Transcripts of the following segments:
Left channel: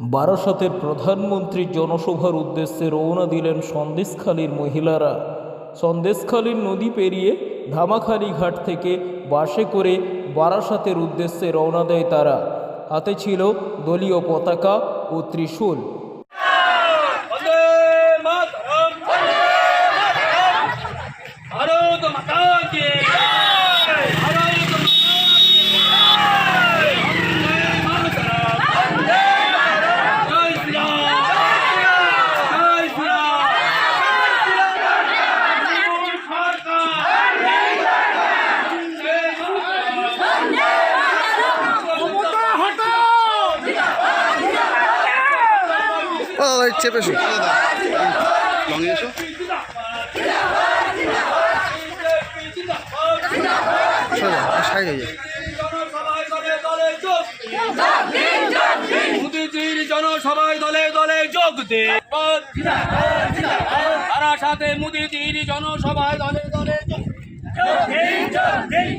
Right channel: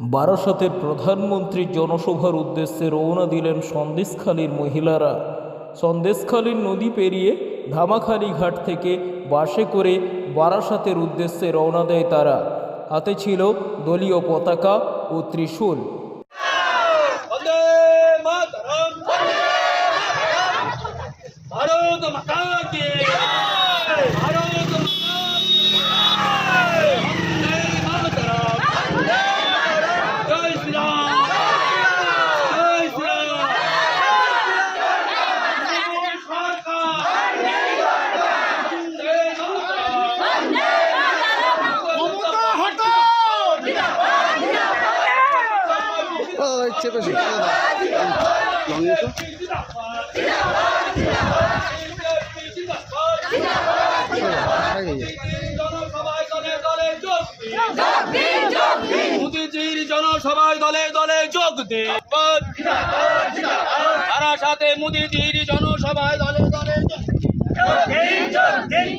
বারাসতের প্রধানমন্ত্রীর জনসভার উদ্দেশ্যে রওনা দিলেন সন্দেশখালীর মহিলারা। সন্দেশখালীর নদী পেরিয়ে ধামাখালি ঘাট থেকে বাসে করে বারাসাতের উদ্দেশ্যে রওনা দেয় তারা। হাতে ছিল দলীয় পতাকা ও ত্রিশূল। ভারত মাতা ও ওই চেপে এসো সাইড হয়ে যায় মোদিজির জনসভায় দলে দলে যোগ দিন। তারা সাথে মোদিজির জনসভায় দলে দলে যোগ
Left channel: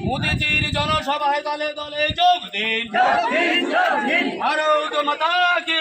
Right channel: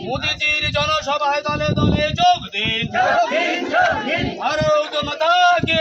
মোদিজির জনসভায় দলে দলে যোগ দিন। ভারত মাতা কে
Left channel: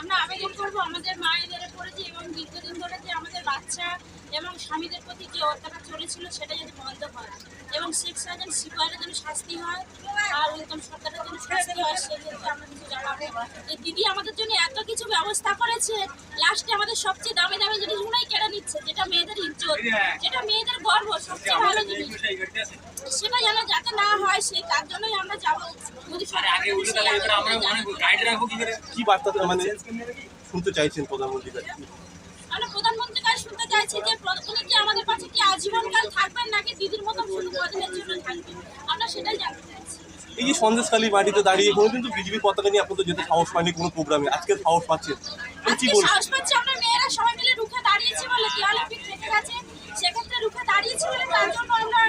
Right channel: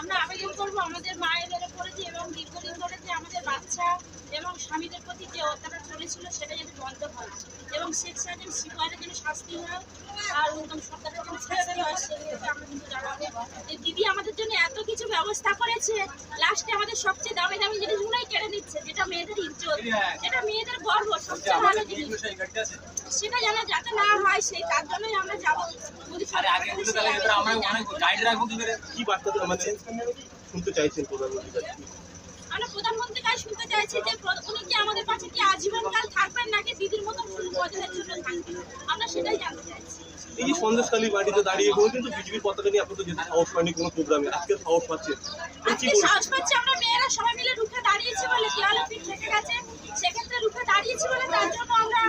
আমরা আবেদন করব আমাদের মায়েদের পড়েছি এবং দীর্ঘদিন ধরে যে আমাদের বাচ্চা এবং স্বামীদের প্রতি যে অত্যাচার চলেছিল সেটা যদি বন্ধ হয় এবং সেক্স এজেন্ট সিপাহীরা যেন শাস্তি হয় আর উত্তম সরকারের জন্য শাস্তি হয় সেক্ষেত্রে আমরা কিছু জানাব। যে দিদি আমাদের জন্য এত কিছু ব্যবস্থা করেছে লাস্টে আমাদের সবচেয়ে দামি দামি জিনিসগুলোই কেড়ে নিচ্ছে যেটা মেয়েদের ইজ্জত যেটা মেয়েদের গর্ব সবচেয়ে ভালো জিনিস। সেটা যেন যাতে না হয় সেই তার জন্যই আমরা যাব। কি বার্তা মানে শুনতে চাইছেন প্রধানমন্ত্রী আমরা প্রধানমন্ত্রীর কাছে শুনতে চাইছি যে উনি কি আমাদের পাশে কি আজীবনকাল থাকবেন নাকি দিদির মতন শুধু কদিনের জন্য থাকবেন? আমরা সেটাই জানতে চাইছি। এই যে সন্দেশকালী মাটিতে দাঁড়িয়ে কোনো কিন্তু বিজেপির পতাকা নিয়ে আপনাদের যেতে সাহস পায়নি কোনো প্রোগ্রামে। আজকে সাহস পাচ্ছেন তো আজকে সাহস পাচ্ছি আমরা মেয়েরা সবাই মিলে রুখে দাঁড়িয়েছি বলে দেওয়ালে পিঠ থেকে গেছে। সেক্ষেত্রে রুখে দাঁড়িয়েছি বলে তার জন্য আমরা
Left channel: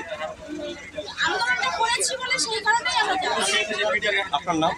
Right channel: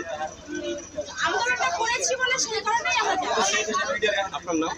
আন্দোলনটা করেছি বলে সেই কারণেই আমরা আপনার নাম।